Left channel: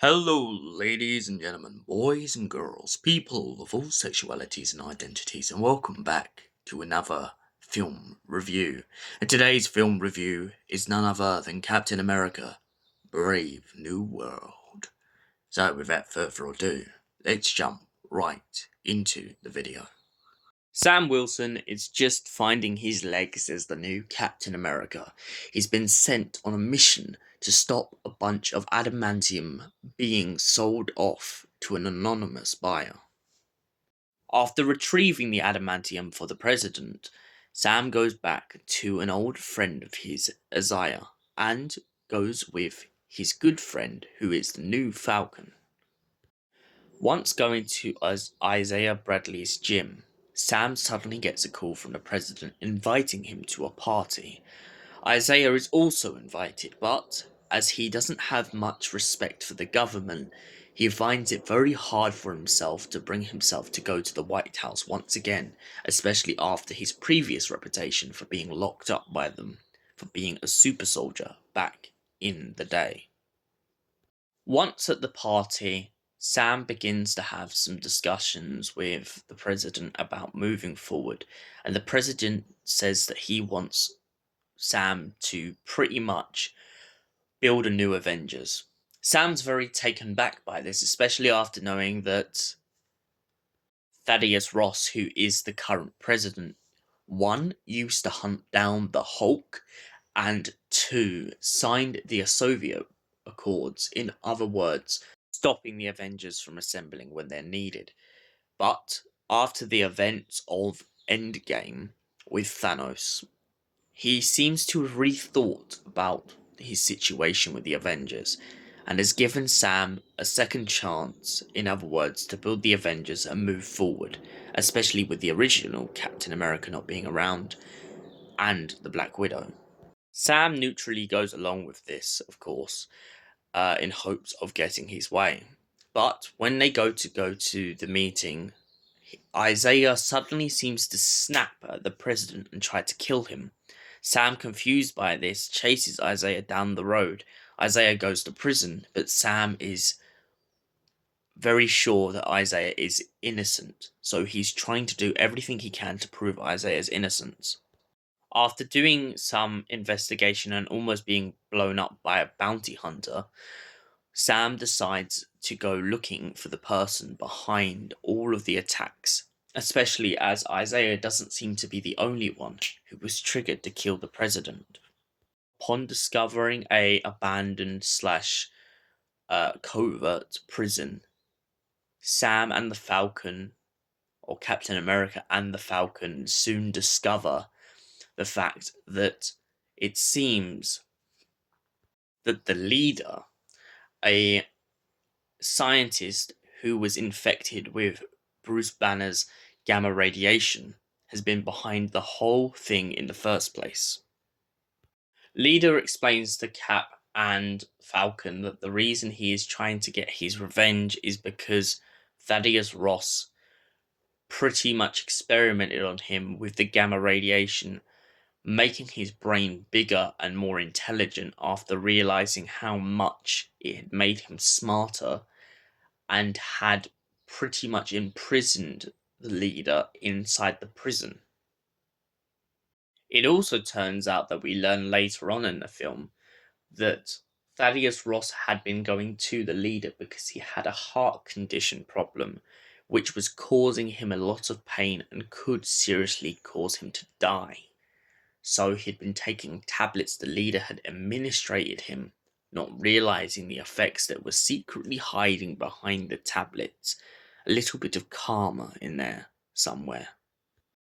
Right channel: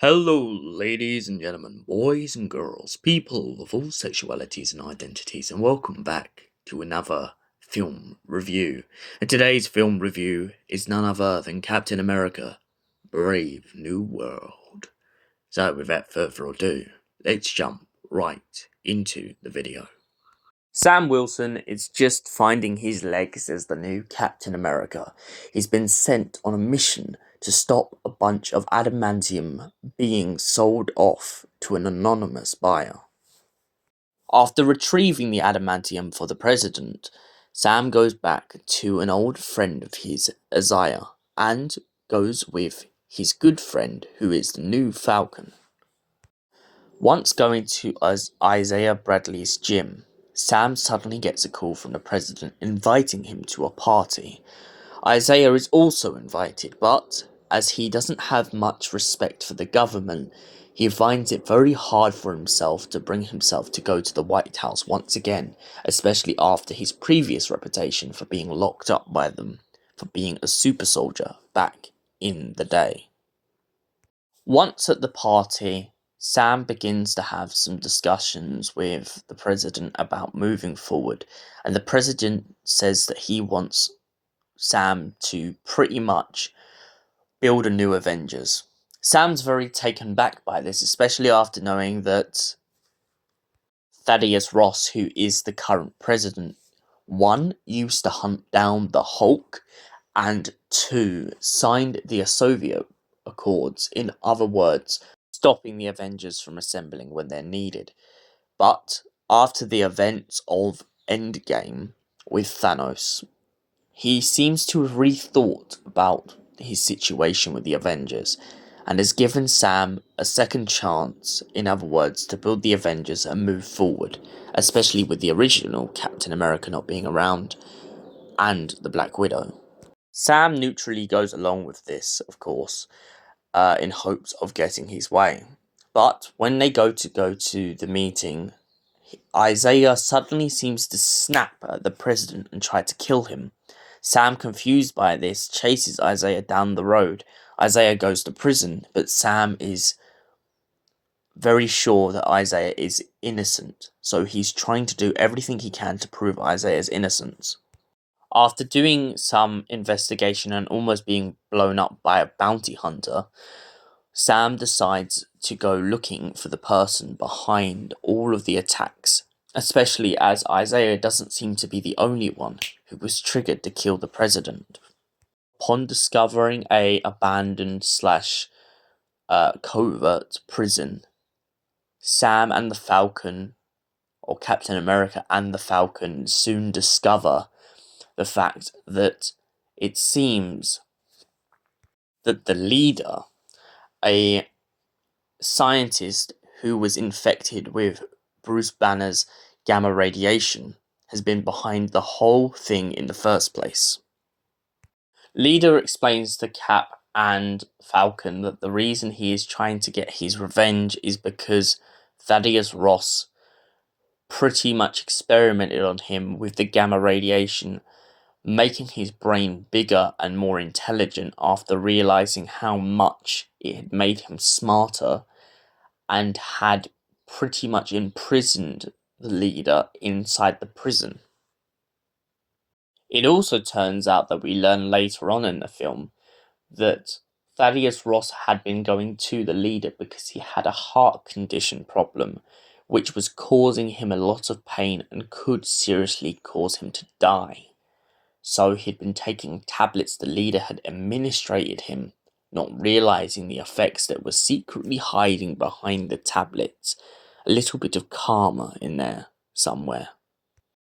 Hello, ladies and gentlemen, boys and girls, people of all sexualities and identities, and welcome back to another film review. And today's film review is none other than Captain America Brave New World. So, without further ado, let's jump right into the video. Sam Wilson is just finding his legs as the new Captain America. He's been sent on a mission to stop a bunch of adamantium being sold off to an anonymous buyer. After retrieving the adamantium for the president, Sam goes back to an old friend of his, Isaiah, and goes with his good friend who is the new Falcon. Once going to Isaiah Bradley's gym, Sam suddenly gets a call from the president inviting him to a party. Isaiah is also invited, but as he doesn't have much respect for the government, he finds it very hard for himself to bring himself to go to the White House once again, especially after his previous reputation for being locked up by them for being a super soldier back in the day. Once at the party, Sam begins to have some discussions with the president about moving forward, and the president says that he wants Sam to pretty much build a new Avengers. Sam's very taken back by this, especially after knowing that Thaddeus Ross, who is the current president, one, used to hunt down the Hulk, and two, signed the Soviet Accords, in other words, stopping the Avengers from assembling when they're needed. But after the events of Endgame with Thanos, he seems to have rethought about his situation with the Avengers and has given Sam a second chance, in other words, to build the Avengers and move forward, especially with the original Captain America not being around and the Black Widow. Sam neutrally goes along with this, of course, in hopes of getting his way. But when they go to the meeting, Isaiah suddenly seems to snap at the president and try to kill him. Sam, confused by this, chases Isaiah down the road. Isaiah goes to prison, but Sam is very sure that Isaiah is innocent, so he's trying to do everything he can to prove Isaiah's innocence. After doing some investigation and almost being blown up by a bounty hunter, Sam decides to go looking for the person behind all of the attacks, especially as Isaiah doesn't seem to be the only one who was triggered to kill the president. Upon discovering a abandoned slash covert prison, Sam and the Falcon, or Captain America and the Falcon, soon discover the fact that it seems that the leader, a scientist who was infected with Bruce Banner's gamma radiation, has been behind the whole thing in the first place. Leader explains to Cap and Falcon that the reason he is trying to get his revenge is because Thaddeus Ross pretty much experimented on him with the gamma radiation, making his brain bigger and more intelligent after realizing how much it had made him smarter and had pretty much imprisoned the leader inside the prison. It also turns out that we learn later on in the film that Thaddeus Ross had been going to the leader because he had a heart condition problem, which was causing him a lot of pain and could seriously cause him to die. So he'd been taking tablets the leader had administrated him, not realizing the effects that were secretly hiding behind the tablets. A little bit of karma in there somewhere.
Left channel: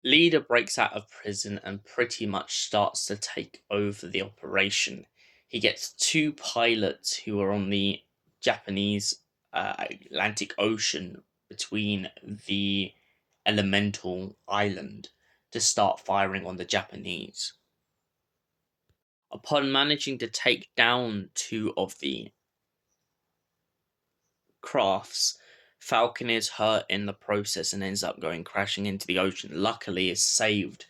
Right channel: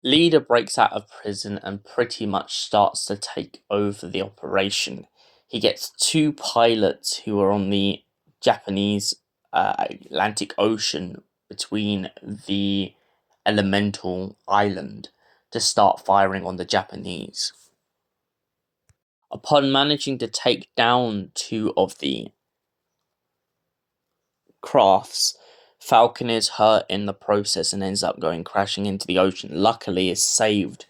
Leader breaks out of prison and pretty much starts to take over the operation. He gets two pilots who are on the Japanese Atlantic Ocean between the elemental island to start firing on the Japanese. Upon managing to take down two of the crafts, Falcon is hurt in the process and ends up going crashing into the ocean. Luckily, is saved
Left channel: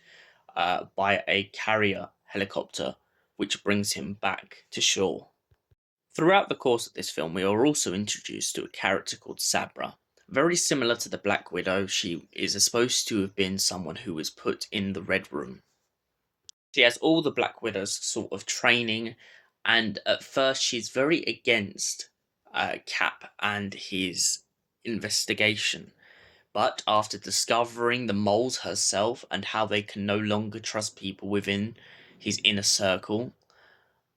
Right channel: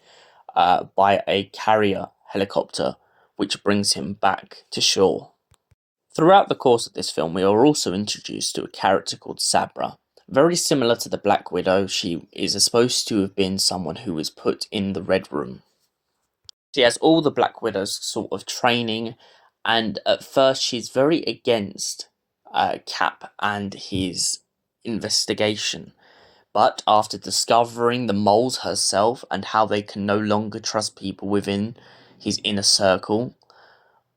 by a carrier helicopter, which brings him back to shore. Throughout the course of this film, we are also introduced to a character called Sabra. Very similar to the Black Widow, she is supposed to have been someone who was put in the Red Room. She has all the Black Widow's sort of training, and at first she's very against Cap and his investigation. But after discovering the moles herself and how they can no longer trust people within his inner circle,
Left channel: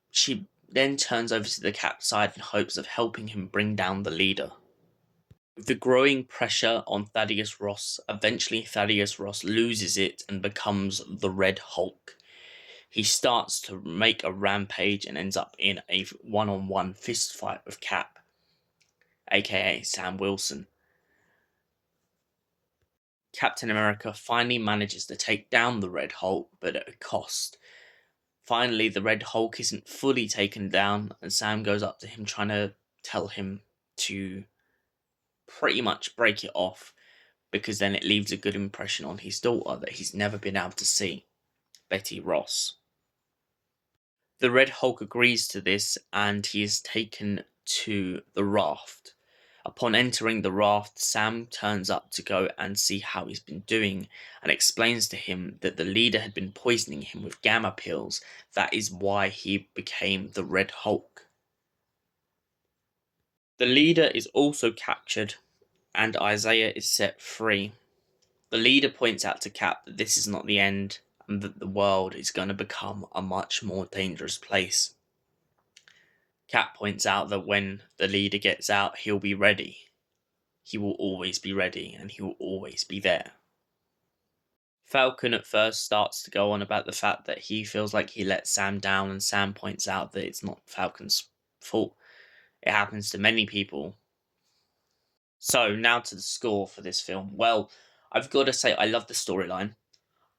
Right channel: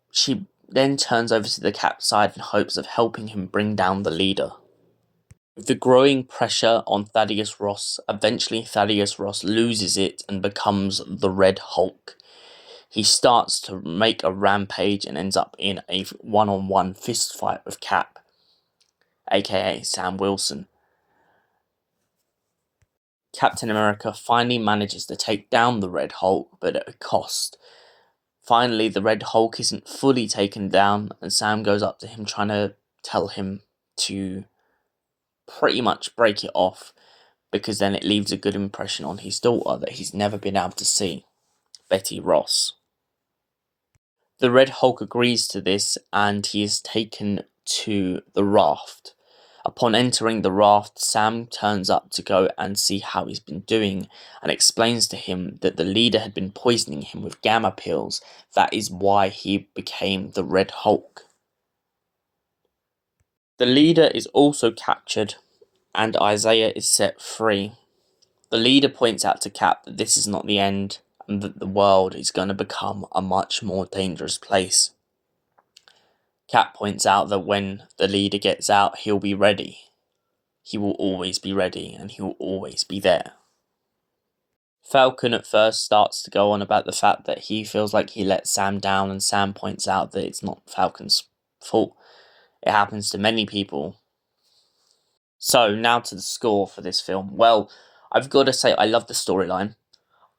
she then turns over to the Cap side in hopes of helping him bring down the leader. With the growing pressure on Thaddeus Ross, eventually Thaddeus Ross loses it and becomes the Red Hulk. He starts to make a rampage and ends up in a one-on-one fist fight with Cap, aka Sam Wilson. Captain America finally manages to take down the Red Hulk, but at a cost. Finally, the Red Hulk isn't fully taken down, and Sam goes up to him trying to tell him to pretty much break it off, because then it leaves a good impression on his daughter that he's never been able to see, Betty Ross. The Red Hulk agrees to this, and he is taken to the raft. Upon entering the raft, Sam turns up to go and see how he's been doing and explains to him that the leader had been poisoning him with gamma pills. That is why he became the Red Hulk. The leader is also captured and Isaiah is set free. The leader points out to Cap that this is not the end and that the world is going to become a much more dangerous place. Cap points out that when the leader gets out, he'll be ready. He will always be ready and he will always be there. Falcon at first starts to go on about the fact that he feels like he let Sam down, and Sam points out that it's not Falcon's fault. It happens to many people. So, now to the score for this film. Well, I've got to say, I love the storyline.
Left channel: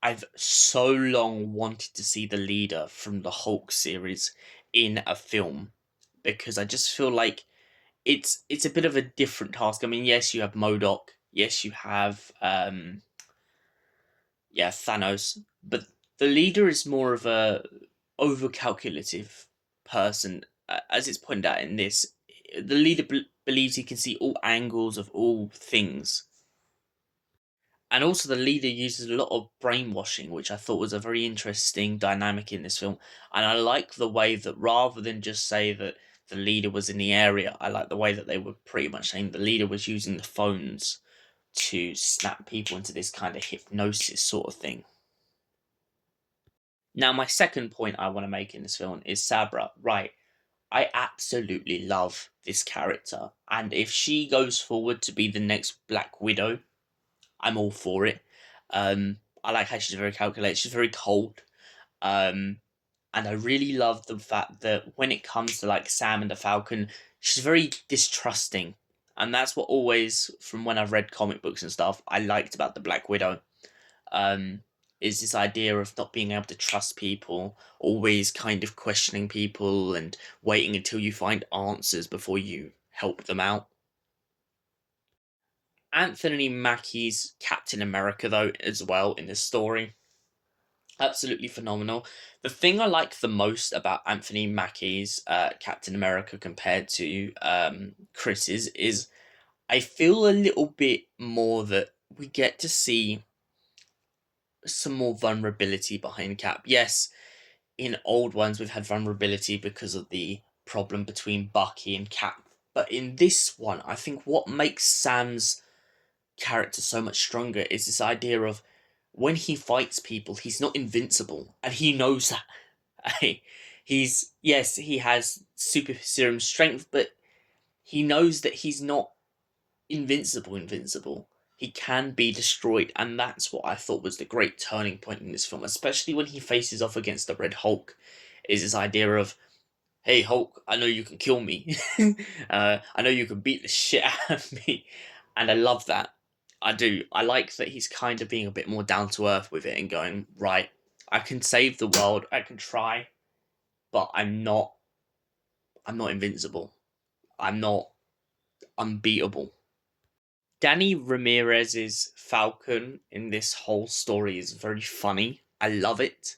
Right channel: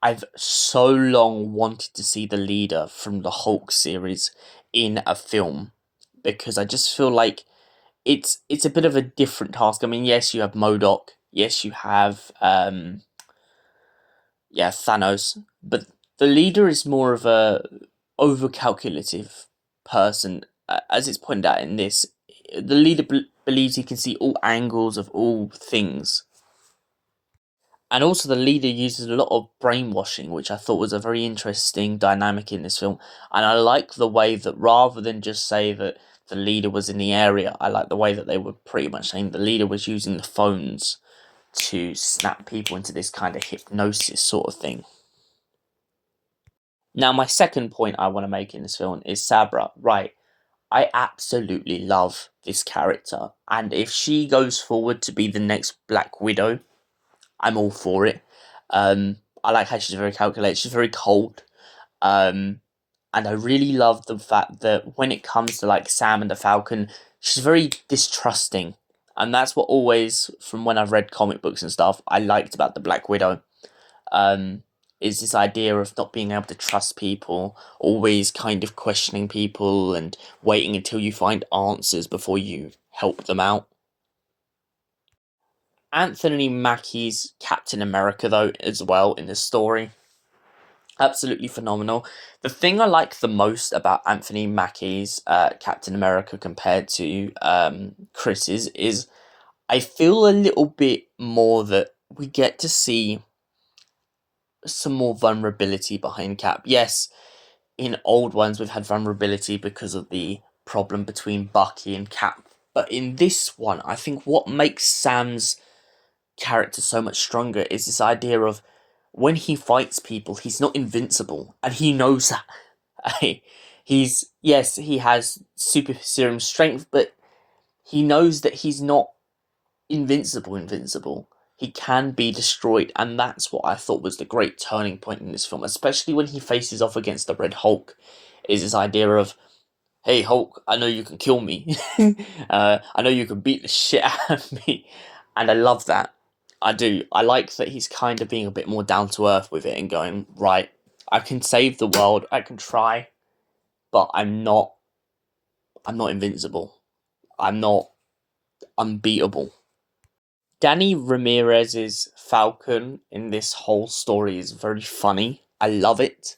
I've so long wanted to see the leader from the Hulk series in a film, because I just feel like it's a bit of a different task. I mean, yes, you have MODOK. Yes, you have Thanos, but the leader is more of a overcalculative person. As it's pointed out in this, the leader believes he can see all angles of all things. And also the leader uses a lot of brainwashing, which I thought was a very interesting dynamic in this film. And I like the way that rather than just say that the leader was in the area, I like the way that they were pretty much saying the leader was using the phones to snap people into this kind of hypnosis sort of thing. Now, my second point I want to make in this film is Sabra. Right, I absolutely love this character, and if she goes forward to be the next Black Widow, I'm all for it. I like how she's very calculated, she's very cold, and I really love the fact that when it comes to like Sam and the Falcon, she's very distrusting, and that's what always, from when I've read comic books and stuff, I liked about the Black Widow. Is this idea of not being able to trust people, always kind of questioning people and waiting until you find answers before you help them out. Anthony Mackie's Captain America, though, as well in this story, absolutely phenomenal. The thing I like the most about Anthony Mackie's Captain America compared to Chris's is I feel a little bit more that we get to see some more vulnerability behind Cap. Yes, in old ones we've had vulnerability because of the problem between Bucky and Cap. But in this one, I think what makes Sam's character so much stronger is this idea of when he fights people, he's not invincible, and he knows that. Yes, he has super serum strength, but he knows that he's not invincible. He can be destroyed, and that's what I thought was the great turning point in this film, especially when he faces off against the Red Hulk, is this idea of, hey Hulk, I know you can kill me. I know you can beat the shit out of me. And I love that. I do. I like that he's kind of being a bit more down to earth with it and going, right, I can save the world, I can try, but I'm not invincible. I'm not unbeatable. Danny Ramirez's Falcon in this whole story is very funny. I love it.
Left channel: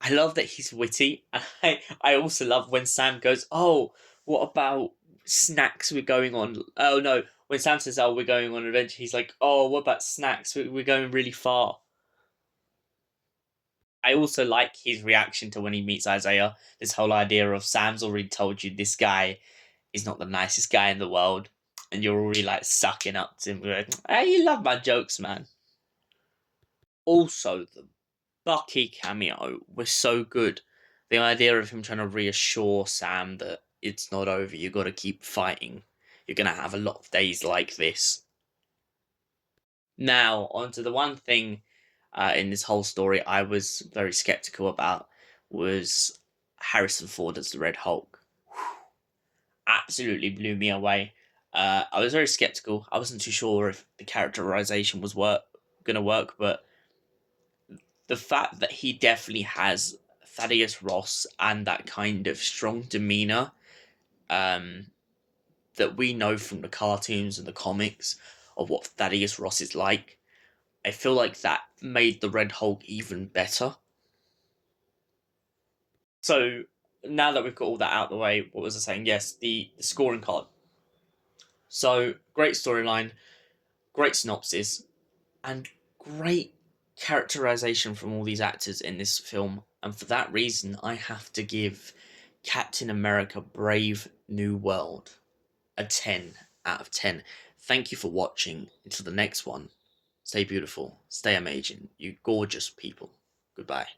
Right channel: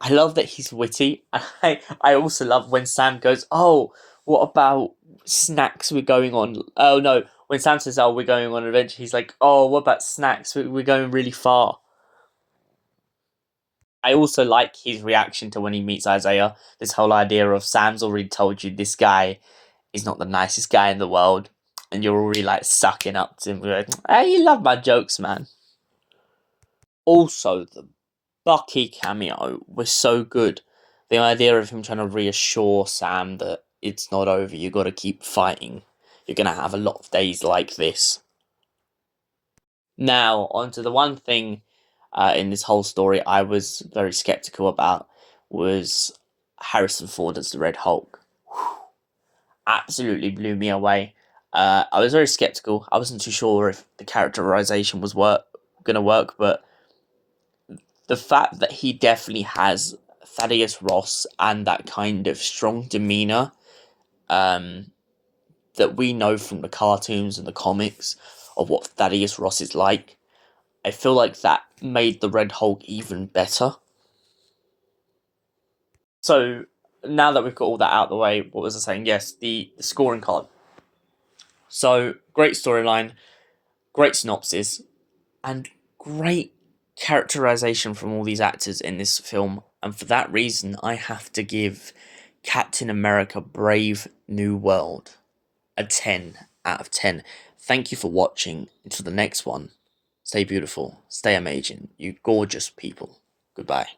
I love that he's witty. I also love when Sam goes, "Oh, what about snacks? We're going on." Oh no, when Sam says, "Oh, we're going on an adventure," he's like, "Oh, what about snacks? We're going really far." I also like his reaction to when he meets Isaiah. This whole idea of Sam's already told you this guy is not the nicest guy in the world, and you're already like sucking up to him. Like, hey, you love my jokes, man. Also, the Bucky cameo was so good. The idea of him trying to reassure Sam that it's not over, you gotta keep fighting. You're gonna have a lot of days like this. Now, onto the one thing in this whole story I was very skeptical about was Harrison Ford as the Red Hulk. Absolutely blew me away. I was very skeptical. I wasn't too sure if the characterization was gonna work, but the fact that he definitely has Thaddeus Ross and that kind of strong demeanor um, that we know from the cartoons and the comics of what Thaddeus Ross is like, I feel like that made the Red Hulk even better. So now that we've got all that out of the way, what was I saying? Yes, the scoring card. So great storyline, great synopsis, and great characterization from all these actors in this film. And for that reason, I have to give Captain America Brave New World a 10 out of 10. Thank you for watching. Until the next one, stay beautiful, stay amazing, you gorgeous people. Goodbye.